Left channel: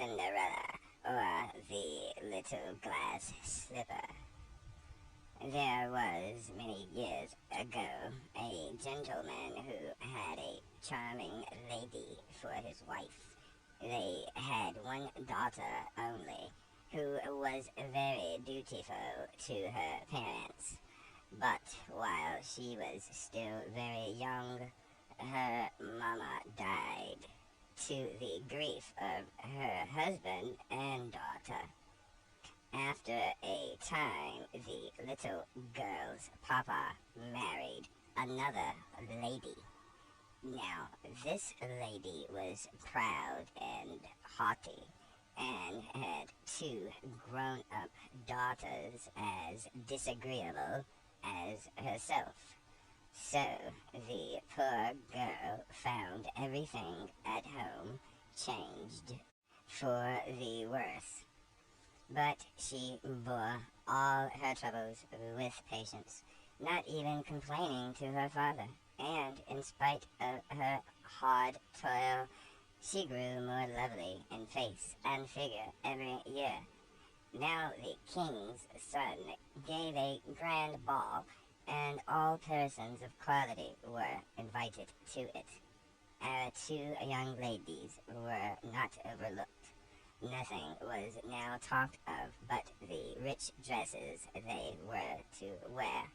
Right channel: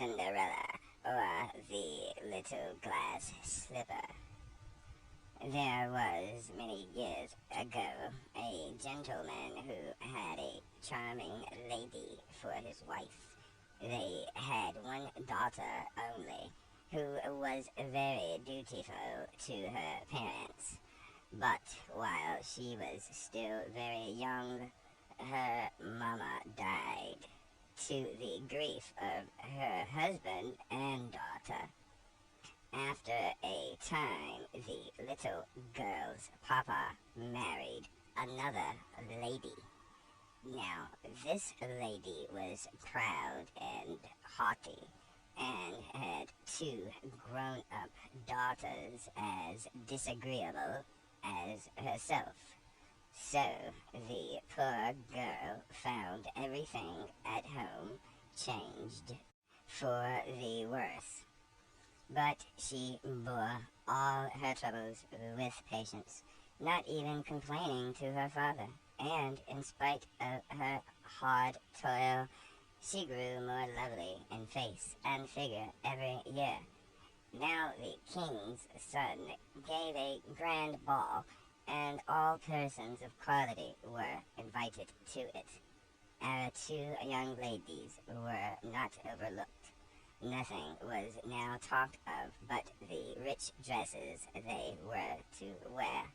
Cinderella, or the Little Glass Slipper. There was, many years ago, a gentleman who had a charming lady for his wife. They had one daughter only, who was very dutiful to her parents. But while she was still very young, her mama died, to the grief of her husband and daughter. After a time, the little girl's papa married another lady. Now, this lady was proud and haughty, and had two grown-up daughters as disagreeable as herself. So, the poor girl found everything at home changed for the worse. But she bore all her troubles with patience, not even complaining to her father, and in spite of her hard toil, she grew more lovely in face and figure every year. Now the king's son gave a grand ball, and all persons of quality were invited to it. Our two young ladies were not overlooked. Nothing was now talked of but the rich dresses they were to wear.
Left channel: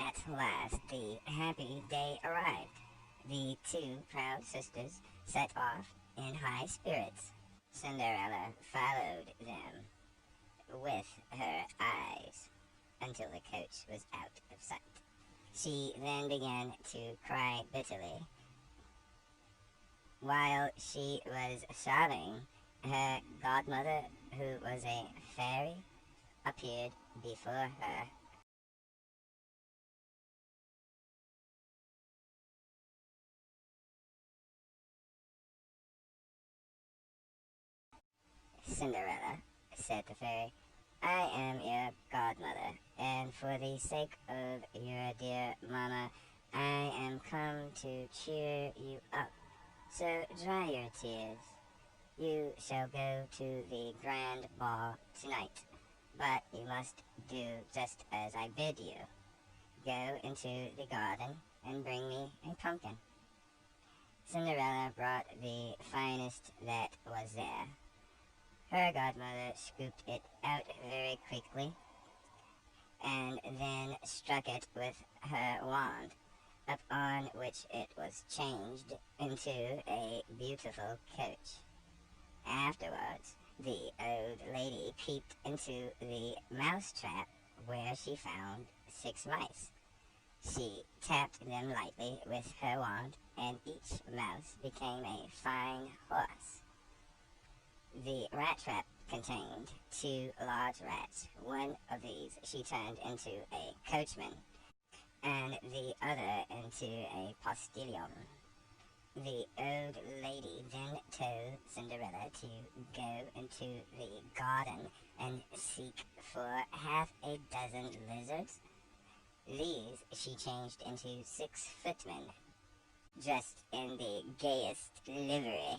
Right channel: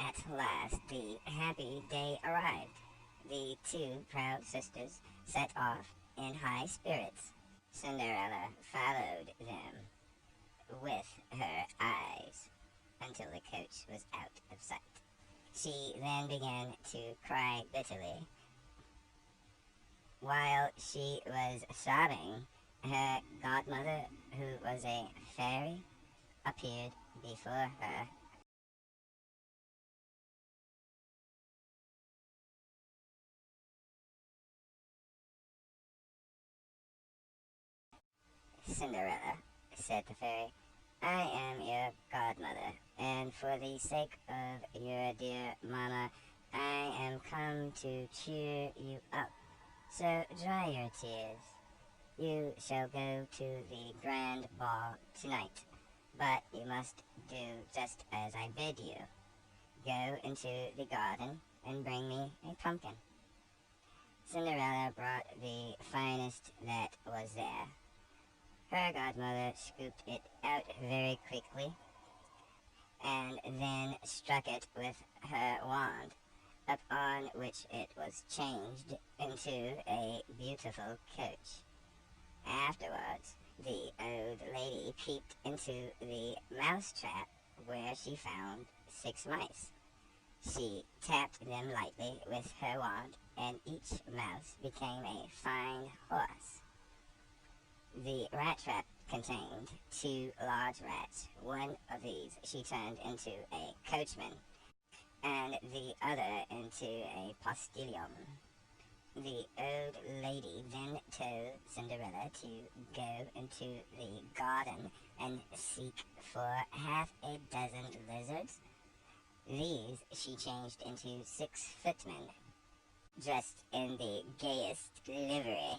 At last the happy day arrived. The two proud sisters set off in high spirits. Cinderella followed them with her eyes until the coach was out of sight. She then began to cry bitterly. While she was sobbing, her godmother, who was a fairy, appeared before her. Cinderella, said the fairy, I am your godmother, and for the sake of your dear mamma, I am come to cheer you up. So dry your tears. You shall go to the grand ball tonight, but you must do just as I bid you. Go into the garden and bring me a pumpkin. Cinderella brought the finest that was there. Her godmother scooped it out very quickly, and then struck it with her wand, upon which it was changed into a beautiful coach. Afterwards, the old lady peeped into the mouse-trap, where she found 6 mice. She tapped them lightly with her wand, and each mouse became a fine horse. The rat trap contained 2 large rats. One of these she turned into a coachman, and the other into a postilion. The old lady then told Cinderella to go into the garden and seek for half a dozen lizards. These she changed into 6 footmen, dressed in the gayest livery.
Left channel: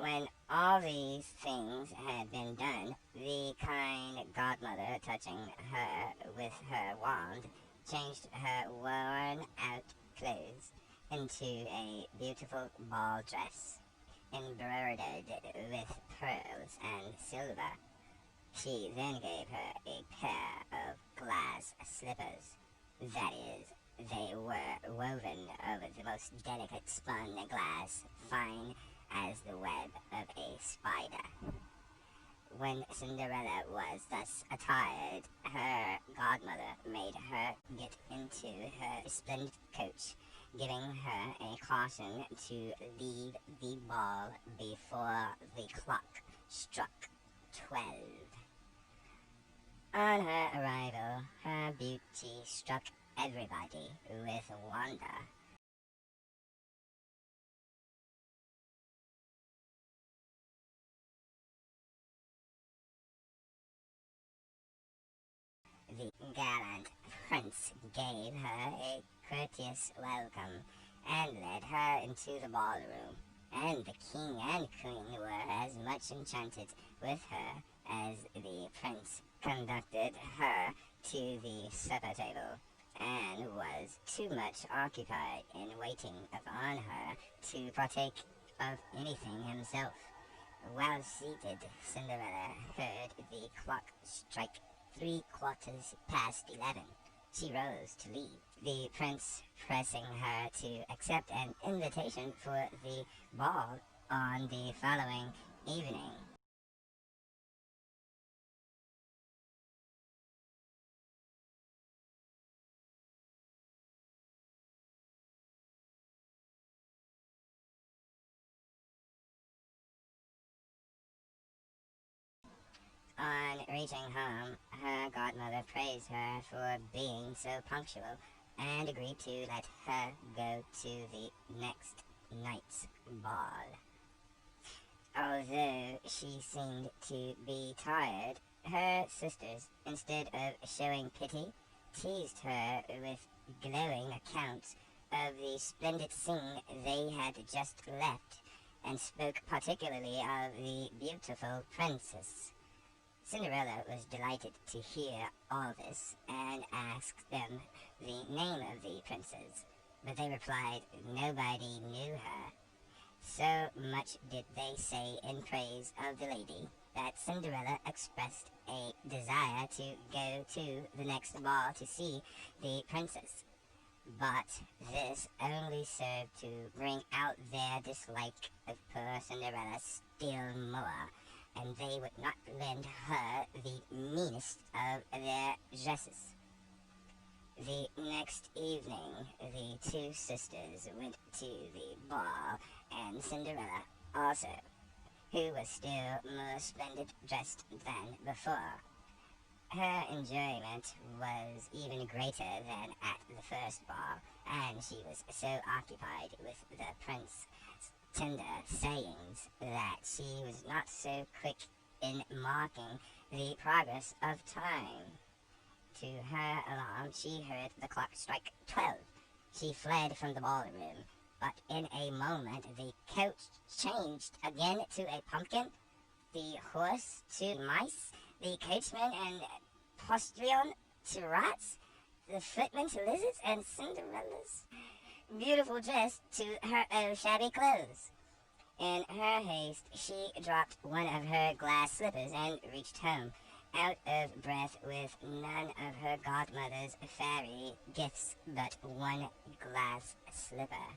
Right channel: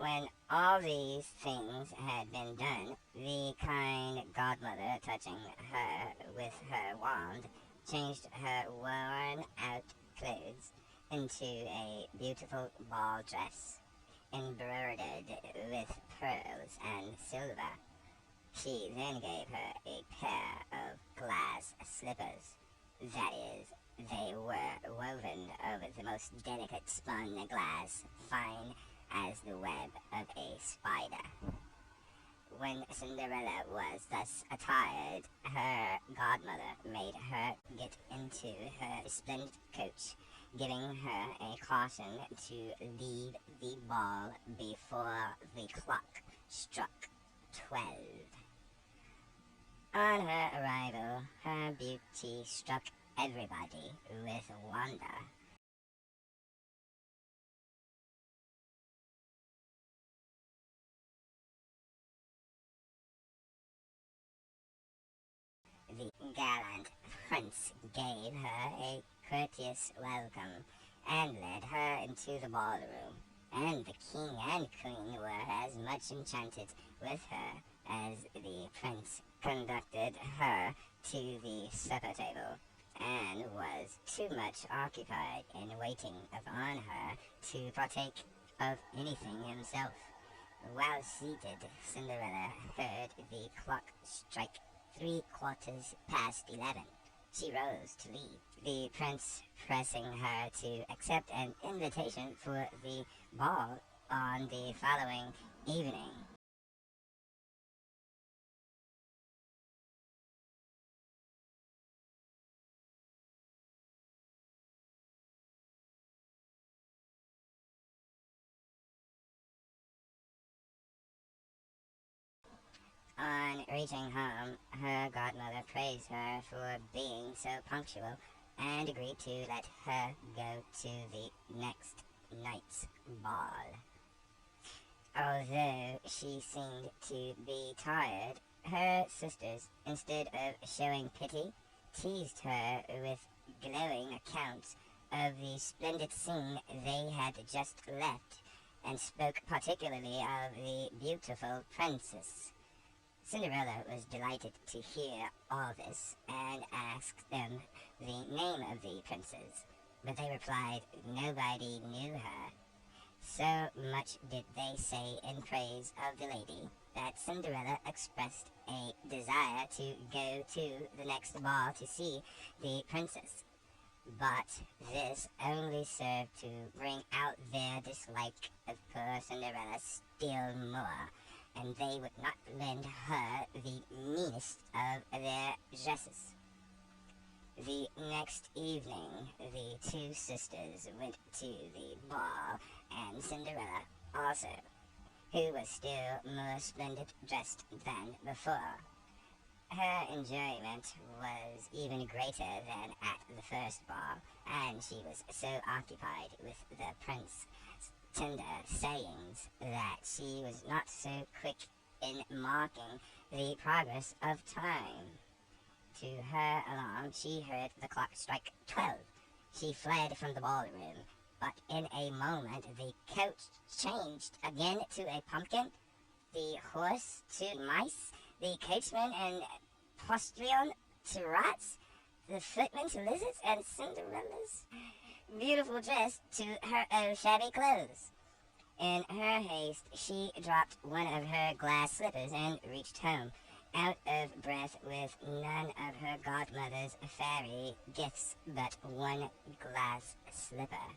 When all these things had been done, the kind godmother, touching her with her wand, changed her worn-out clothes into a beautiful ball dress, embroidered with pearls and silver. She then gave her a pair of glass slippers. That is, they were woven of the most delicate spun glass, fine as the web of a spider. When Cinderella was thus attired, her godmother made her get into her splendid coach, giving her a caution to leave the ball before the clock struck 12. On her arrival, her beauty struck everybody with wonder. the gallant prince gave her a courteous welcome and led her into the ballroom, and the king and queen were as much enchanted with her as the prince conducted her to the supper table, and was too much occupied in waiting upon her to partake of anything himself. While seated, Cinderella heard the clock strike 11:15. She rose to leave, the prince pressing her to accept an invitation for the ball on the following evening. On reaching home, her godmother praised her for being so punctual and agreed to let her go to the next night's ball. Although she seemed to be tired, her sisters, instead of showing pity, teased her with glowing accounts of the splendid scene they had just left, and spoke particularly of the beautiful princess. Cinderella was delighted to hear all this, and asked them the name of the princess, but they replied nobody knew her. So much did they say in praise of the lady that Cinderella expressed a desire to go to the next ball to see the princess. But this only served to bring out their dislike of poor Cinderella still more, and they would not lend her the meanest of their dresses. The next evening, the two sisters went to the ball, and Cinderella also, who was still more splendid dressed than before. Her enjoyment was even greater than at the first ball, and she was so occupied with the prince's tender sayings that she was not so quick in marking the progress of time. To her alarm, she heard the clock strike 12. She fled from the ballroom, but in a moment the coach changed again to a pumpkin, the horse to mice, the coachman and postilion to rats, the footman to lizards, and Cinderella's beautiful dress to her own shabby clothes. In her haste, she dropped one of her glass slippers and reached home, out of breath with none of her godmother's fairy gifts but one glass slipper.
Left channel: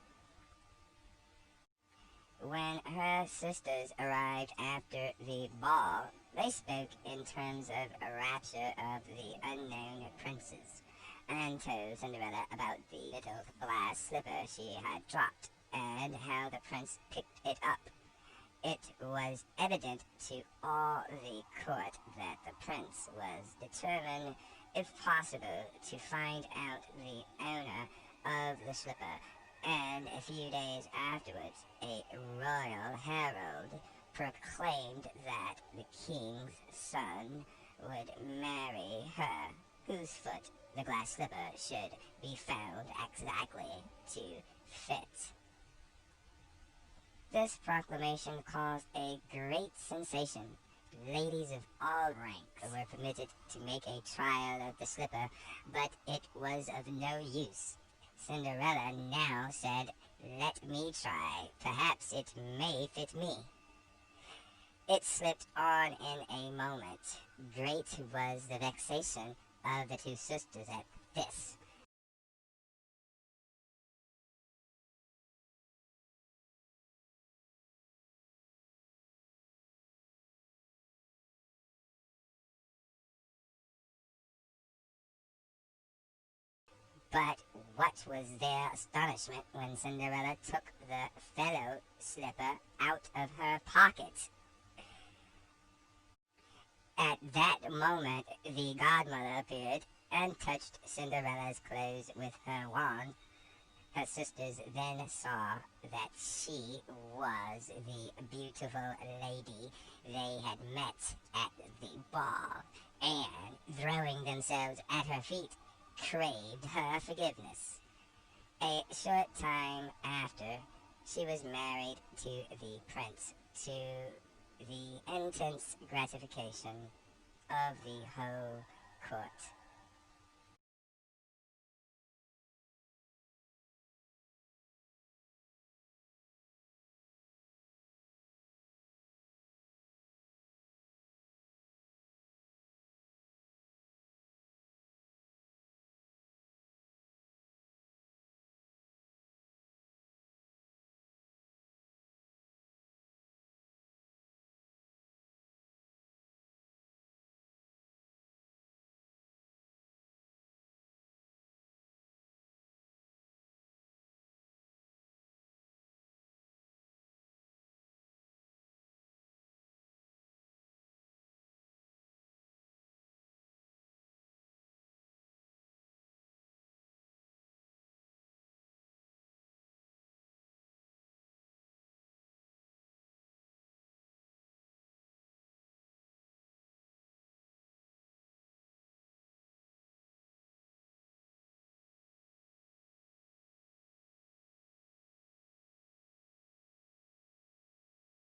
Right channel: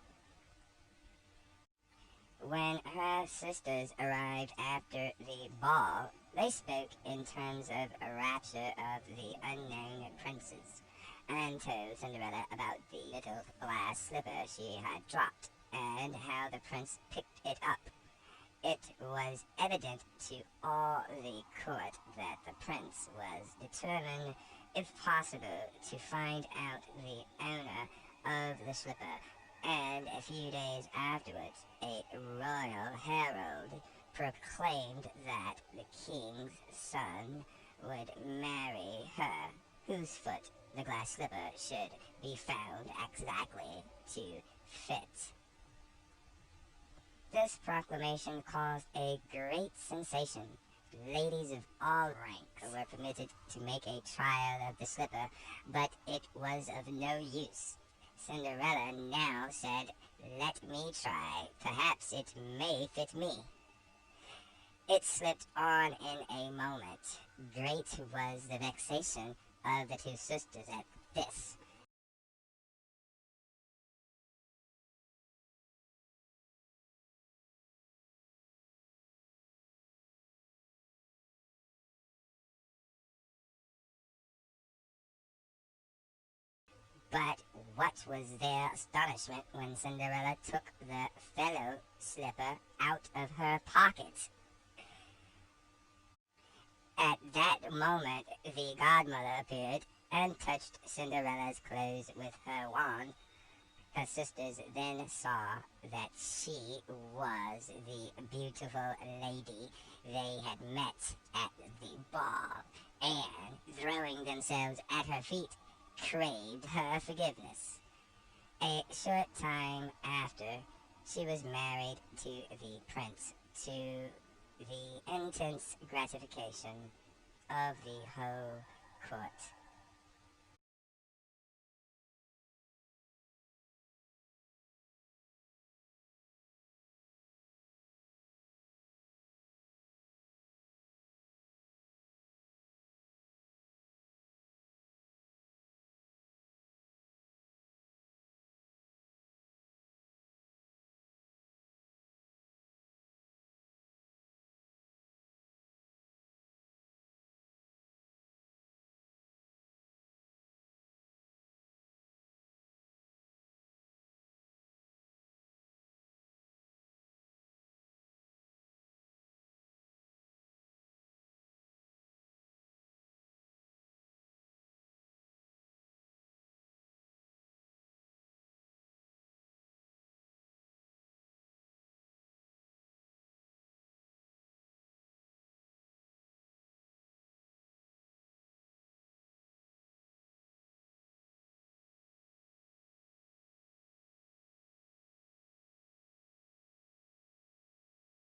When her sisters arrived after the ball, they spoke in terms of rapture of the unknown princess, and told Cinderella about the little glass slipper she had dropped, and how the prince picked it up. It was evident to all the court that the prince was determined, if possible, to find out the owner of the slipper, and a few days afterwards a royal herald proclaimed that the king's son would marry her, whose foot the glass slipper should be found exactly to fit. This proclamation caused a great sensation. Ladies of all rank were permitted to make a trial of the slipper, but it was of no use. Cinderella now said, "Let me try. Perhaps it may fit me." It slipped on in a moment. Great was the vexation of the two sisters at this. But what was their astonishment when Cinderella took the fellow slipper out of her pocket. At that moment the godmother appeared and touched Cinderella's clothes with her wand. Her sisters then saw that she was the beautiful lady they had met at the ball, and, throwing themselves at her feet, craved her forgiveness. A short time after, she was married to the prince, to the intense gratification of the whole court.